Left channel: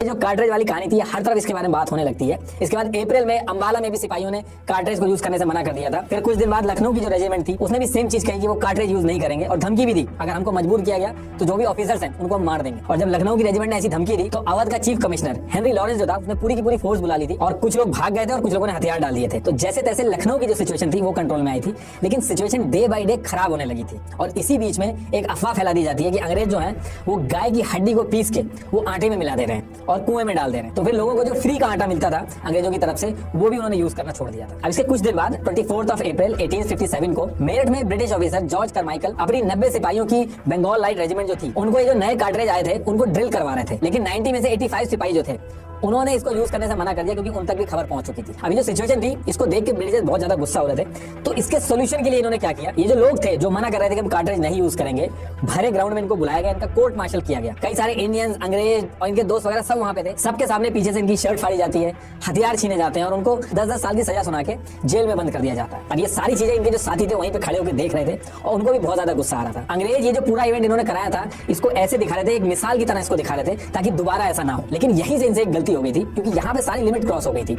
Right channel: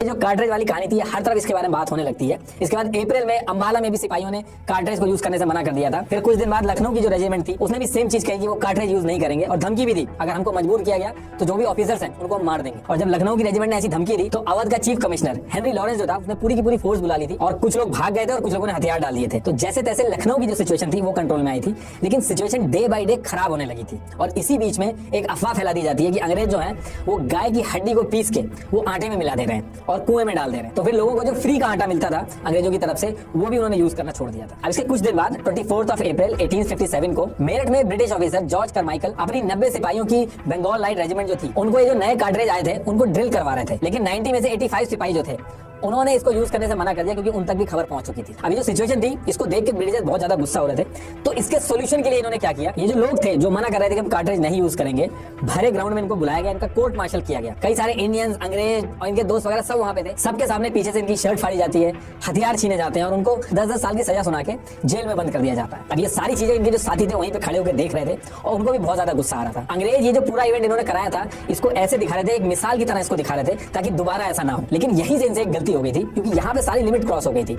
जो कार्ट्रिज वाली कहानी थी हर तरफ इसके बारे में बात होने लगती है। इसके बाद अप्रैल में अंबाला में भी सिपाहियों ने कार्ट्रिज को यूज करने से मना कर दिया था। फिर कुछ दिन बाद लखनऊ की जो रेजिमेंट थी उसने भी सेम चीज कही कि वो कार्ट्रिज यूज नहीं करेंगे और धमकी भी दी, अगर हमको मजबूर किया गया तो जो भी ऑफिसर्स हैं उनको हम मार देंगे। और जब लखनऊ की रेजिमेंट ने ऐसी धमकी दी तो अवध का चीफ कमिश्नर हेनरी लॉरेंस जो था उसने पूरी की पूरी फोर्स बुला ली थी और कुछ लोग भाग गए थे और कुछ लोगों ने हथियार डाल दिए थे। तो जैसे तैसे लखनऊ की जो सिचुएशन थी वो कंट्रोल में आई थी, लेकिन सिचुएशन डे बाई डे खराब होने लगी थी। और इसी बीच में एक अफवाह फैला दी जाती है कि अंग्रेज जो है वो गाय की हड्डी को पीस के वो आटे में मिला दे रहे हैं और कुएं में डाल दे रहे हैं। तो फिर लोगों को जो फ्री का आटा मिलता था अंग्रेजों की तरफ से वो भी उन्होंने यूज करना छोड़ दिया था। अब इसके कुछ दिन बाद 24 अप्रैल 1857 को मेरठ में ब्रिटिश ऑफिसर जॉर्ज करमाइकल अपनी 90 सिपाहियों की बंगाल लाइट रेजिमेंट जो थी उनको ये जो नए कार्ट्रिज आए थे उनको ड्रिल करवा रहे थे, लेकिन 90 में से 85 सिपाही जो थे उन्होंने इसको यूज करने से मना कर दिया क्योंकि उन तक भी खबर पहुंच चुकी थी। अभी जो सिचुएशन थी इसको देख के ब्रिटिशर्स बहुत ज्यादा गुस्सा हो रहे थे। तो इसके सोल्यूशन के लिए इन्होंने क्या किया, ये जो लोग थे जो मना कर रहे थे कि हम कार्ट्रिज नहीं यूज करेंगे, भरे ग्राउंड में इनको बुलाया गया, इनका कोर्ट मार्शल किया गया। कई सारे इंडियंस, अंग्रेज और इनके दोस्त वगैरह सब वहां पे थे। सबके सामने पीछे से इनकी शर्ट फाड़ी जाती है, हथियार छीने जाते हैं और उनको 10-10 साल की सजा सुना के जेल में बंद कर दिया जाता है। अब ये सारी चीजें इनके जो साथी थे वहीं पे खड़े होकर देख रहे थे और उनको भी बहुत ज्यादा गुस्सा आ रहा था। अंग्रेज ये जो पूरा इवेंट इन्होंने कराया था इसको ऐसे दिखा रहे थे, एक मिसाल की तरह इसको दिखा रहे थे ताकि दोबारा ऐसा ना हो। लेकिन यहीं से इनसे एक गलती हो गई थी क्योंकि यहाँ पे सारी लिमिट क्रॉस हो गई थी।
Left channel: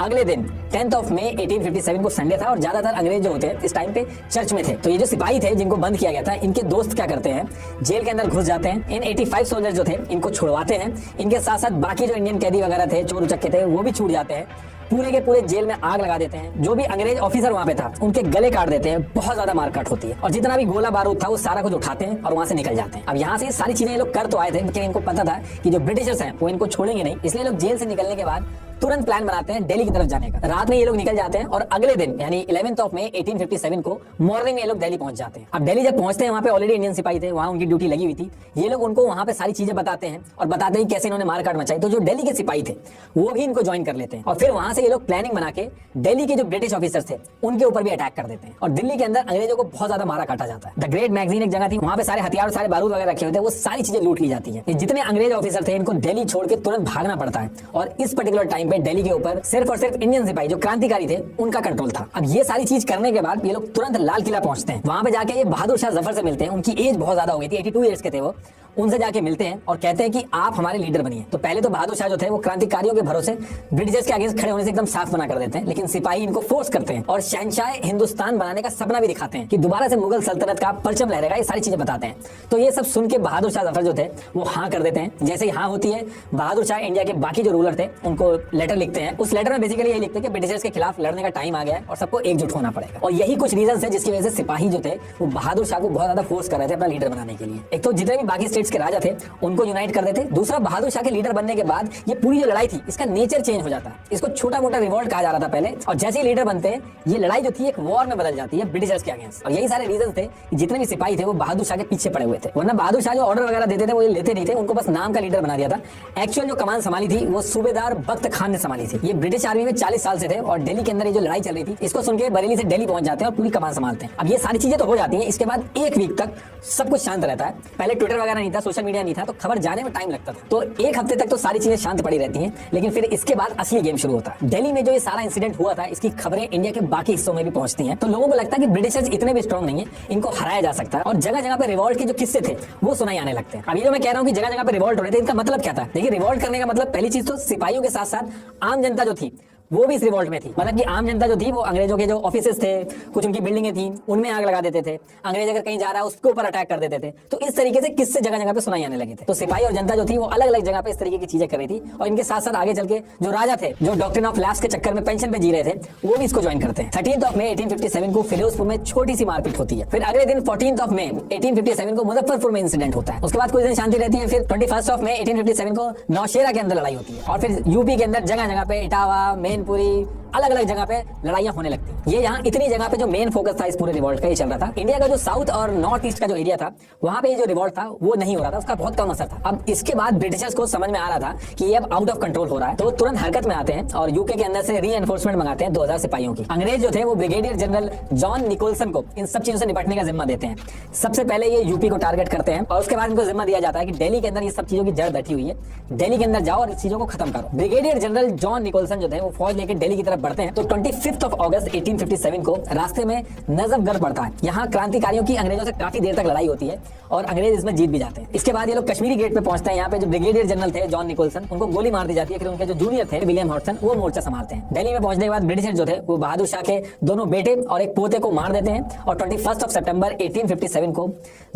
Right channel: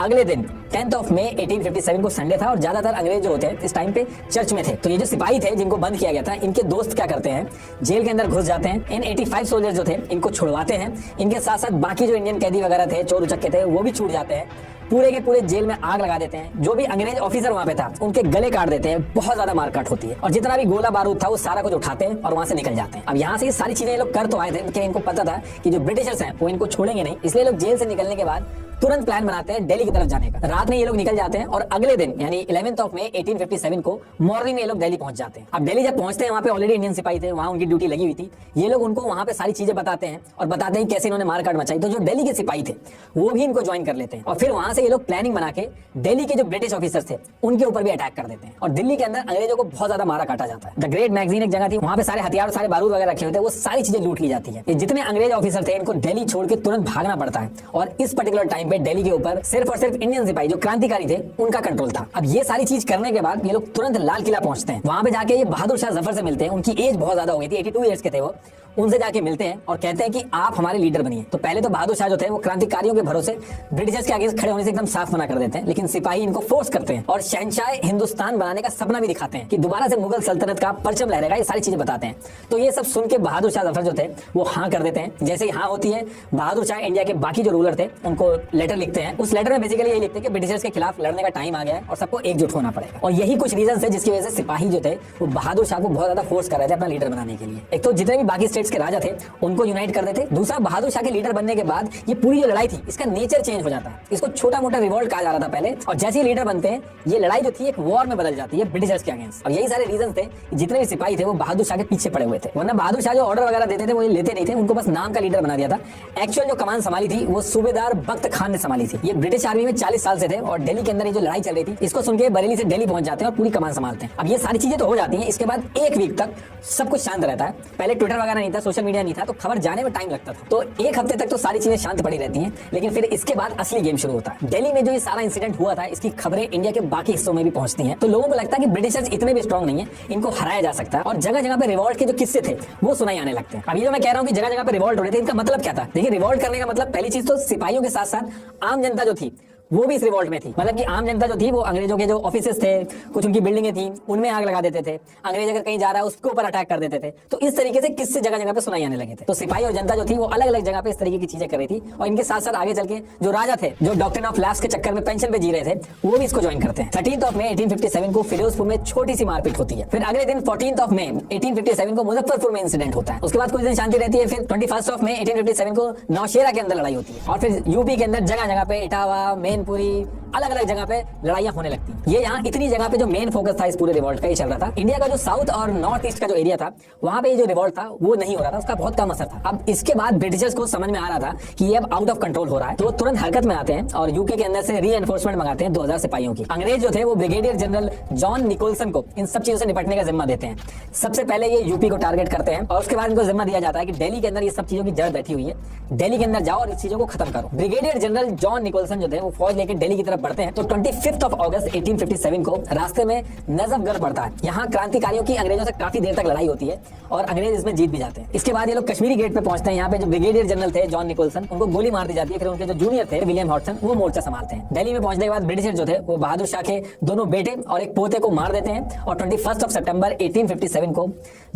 अगले दिन 10 मई 1857 को संडे था और ज्यादातर अंग्रेज जो होते हैं इस टाइम पे चर्च में थे। तो ये जो सिपाही थे जिनको बंद किया गया था इनके दोस्त क्या करते हैं, जेल के अंदर घुस जाते हैं। इन 85 सोल्जर जो थे इनको छुड़वाते हैं। इनके साथ साथ बाकी जो इंडियन कैदी वगैरह थे, चोर उचक्के थे, वो भी छूट जाते हैं। पूरे के पूरे जेल में आग लगा देते हैं। जो भी अंग्रेज ऑफिसर वहां पे था उनके गले काट देते हैं। बहुत ज्यादा मारकाट होती है और जितना भी गोला बारूद था वो सारा कुछ उठाते हैं और वहां से निकल जाते हैं। अब यहाँ से ये सारी चीजें ये लोग कर तो आए थे लेकिन इनको पता था कि जो ब्रिटिशर्स हैं वो इनको छोड़ेंगे नहीं, इसलिए लोग जेल से निकलने के बाद तुरंत प्लान बनाते हैं दिल्ली की तरफ जाने का। रात में ये लोग निकल जाते हैं और अगले दिन यानी 11 मई 1857 को मॉर्निंग में ये लोग दिल्ली पहुंच जाते हैं। अब दिल्ली जब पहुंचते हैं वहां पे ऑलरेडी इंडियन सिपाही थे, वहां उनकी ड्यूटी लगी हुई थी। ये लोग उनको वहां पे सारी चीजें बताते हैं और बताते हैं कैसे इन्होंने मारकाट मचाई। तो जो दिल्ली के सिपाही थे वो भी इनको ज्वाइन कर लेते हैं और फिर वहां से ये लोग प्लानिंग बना के दिल्ली के जो ब्रिटिश ऑफिसर थे उनके ऊपर भी अटैक कर देते हैं। और दिल्ली के अंदर अंग्रेजों को बहुत ज्यादा मारा काटा जाता है। द ग्रेट मैगजीन एक जगह थी, वहां पे सारे हथियार, सारे बारूद वगैरह रखे हुए थे, वो सारी चीजें लूट ली जाती है। जितने अंग्रेज ऑफिसर थे इनको दिल्ली छोड़ के तुरंत भागना पड़ता है और इस पर्टिकुलर टाइम पे दिल्ली के ऊपर सिर्फ और सिर्फ इंडियन सिपाही जो क्रांतिकारी थे उनका कंट्रोल था। अब ये सारी चीज करने के बाद ये लोग तुरंत लाल किला पहुंचते हैं। वहां पे जाके ये बहादुर शाह जफर से मिलते हैं। उनकी एज बहुत ज्यादा हो गई थी, 82 ईयर्स के थे वो। उनसे जाके मिलते हैं और कहते हैं कि आप हमारे लीडर बनिए। तो पहले तो बहादुर शाह जो थे वो क्रांतिकारियों के भरोसे ब्रिटिशर्स के अगेंस्ट खड़े होने से एकदम साफ मना कर देते हैं, लेकिन सिपाही इनको फोर्स करते हैं और शहंशाह हिंदुस्तान बनाने का सपना भी दिखाते हैं कि दोबारा से मुगल सल्तनत का परचम लहरेगा। ये सारी चीजें बताते हैं। तो ये सब सुन के बहादुर शाह जफर जो थे वो हाँ कर देते हैं। जैसे ही हाँ होती है बहादुर शाह इंडिया के बाकी जो रूलर थे उनको लेटर लिखते हैं। उस लेटर में बेसिकली यही लिखते हैं कि ब्रिटिशर्स के खिलाफ लड़ने का टाइम आ गया है और सबको एकजुट होना पड़ेगा। और यही कुछ रीजन है जिसकी वजह से सिपाही जो थे वो बहादुर शाह को बहुत ज्यादा फोर्स कर रहे थे अपना लीडर बनाने के लिए। एक तो जितने भी बाकी स्टेट्स के राजा थे उनको यूनाइट कर देते। दूसरा, बहादुर शाह के लीडर बनने के बाद ये पूरी जो लड़ाई थी इसका नेचर चेंज हो जाता है। इसको छोटा मोटा रिवॉल्ट कहा जा रहा था पहले, और जैसे ही लीडर बनते हैं ये लड़ाई जो थी एक वॉर में बदल जाती है ब्रिटिशर्स के अगेंस्ट। और यही सारे रीजन थे कि जितने भी सिपाही थे वो बहादुर शाह के पीछे पड़े हुए थे। वरना बहादुर शाह जो ऑर्डर वगैरह देते थे वो लेते नहीं थे, उनको बस नाम का लीडर बना दिया था। एक्चुअल जो कमान संभाली थी वो सूबेदार बख्त खान ने संभाली थी। ये ब्रिटिश आर्मी में 40 साल से थे और दिल्ली के अंदर ये जो लड़ाई चल रही थी इसको सुन के बरेली से दिल्ली पहुंच जाते हैं और पूरी कमान संभालते हैं। अब ये सारी चीजें तो हो जाती हैं। इसके बाद एक वीक तक सब कुछ शांत रहता है। पहले ट्विटर वगैरह नहीं था, सोशल मीडिया नहीं था, तो खबर जाने में टाइम लगता था। तो एक हफ्ते तक तो सारी चीजें शांत पड़ी रहती हैं, लेकिन फिर इसके बाद असली गेम शुरू होता है। दिल्ली में जो ये सारा इंसिडेंट हुआ था इसकी खबरें इंडिया के बाकी हिस्सों में भी पहुंचती हैं। तो लोगों को लगता है कि ब्रिटिशर्स इतने भी स्ट्रॉन्ग नहीं है, इनको हराया जा सकता है। और जगह जगह पे रिवॉल्ट के जो किस्से थे वो सुनाई आने लगते हैं। अभी जो मैं कह रहा हूँ कि जगह जगह पे रिवॉल्ट हो रहे थे, इनका मतलब क्या था? देखिए, रिवॉल्ट करने का मतलब पहली चीज तो सिपाहियों के साथ साथ आम जनता जो थी वो भी इस रिवॉल्ट में थी। मतलब कि आम जनता जो थी वो अंग्रेजों के जो ऑफिसेस थे, कुछ उनकी बिल्डिंगें थी, उनमें आग लगा देते थे। अंग्रेज अगर कहीं जा रहा है उसके ऊपर अटैक कर देते थे। तो इस तरीके से किससे जगह जगह पे सुनाई आने लगे थे। तो सिपाही और जनता जो थी वो अलग अलग जगह पे इस तरीके की चीजें कर रही थी। और इनके साथ साथ आगे चल के जो राजा थे, जो डॉक्ट्रिन ऑफ लैप्स के चक्कर में पेंशन पे जी रहे थे, वो भी इसको ज्वाइन करते हैं। 13 मई 1857 को फिरोजपुर में छोटी सी मारपीट होती है। फिर अगले दिन 14 मई 1857 को मुजफ्फरपुर में इंसिडेंट होता है। उसके बाद कुछ दिन शांति रहती है। फिर 21 मई 1857 को नौशेरा के अंदर लड़ाई होती है। और फिर यूपी के अंदर जगह जगह पे इटावा, मैनपुरी, अलग अलग जगह पे लड़ाइयां होने लगती हैं। ये यहाँ इतनी जगह पे जो मेन फोकस था इस पूरे रिवॉल्ट पे ये चल रहा था। इंडिया का जो साउथ और नॉर्थ ईस्ट का जो एरिया था वहां पे ये जो रिवॉल्ट था वो नहीं हो रहा था, उसका बहुत कम असर था। अब इसके बाद ब्रिटिशर्स को समझ में आ रहा था कि ये अब आउट ऑफ कंट्रोल हो रहा है, तो वो तुरंत हरकत में आते हैं और यूके के अंदर से रीएनफोर्समेंट मंगाते हैं 2000 सिपाहियों की। अंग्रेज जो थे वो ब्रिगेडियर जनरल जॉन निकोलसन को इन सब चीजों से निपटने का जिम्मा देते हैं। सबसे पहले ये यूपी को टारगेट करते हैं और उसके बाद इनको जिम्मा दिया जाता है कि दिल्ली के अंदर ये सब चीजों की जड़ बैठी हुई है, दिल्ली के अंदर जाओ और इस चीजों को खत्म करो। ब्रिगेडियर जनरल जॉन निकोलसन जो थे वो फौज फौज लेकर दिल्ली की तरफ बढ़ते हैं तो 25 अगस्त 1857 को रास्ते में नजफगढ़ पड़ता है। यहाँ क्रांतिकारियों की अंग्रेजों से काफी देर तक लड़ाई होती है और अंग्रेज इसमें जीत भी जाते हैं। इसके बाद ये लोग कश्मीरी गेट पे पहुंचते हैं। यहाँ पे जो ब्रिगेडियर जनरल थे जॉन निकोलसन, उनको गोली मार दी जाती है। फिर उनके जो जूनियर थे विलियम हॉटसन, वो मोर्चा संभालते हैं। दिल्ली में पहुंचने के बाद ब्रिटिशर जो थे वो बहादुर शाह के दोनों बेटे और एक पोते को मार देते हैं और 21 सितंबर 1857 को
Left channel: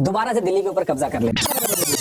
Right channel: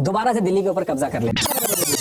दोबारा से दिल्ली के ऊपर कब्जा कर लेते हैं।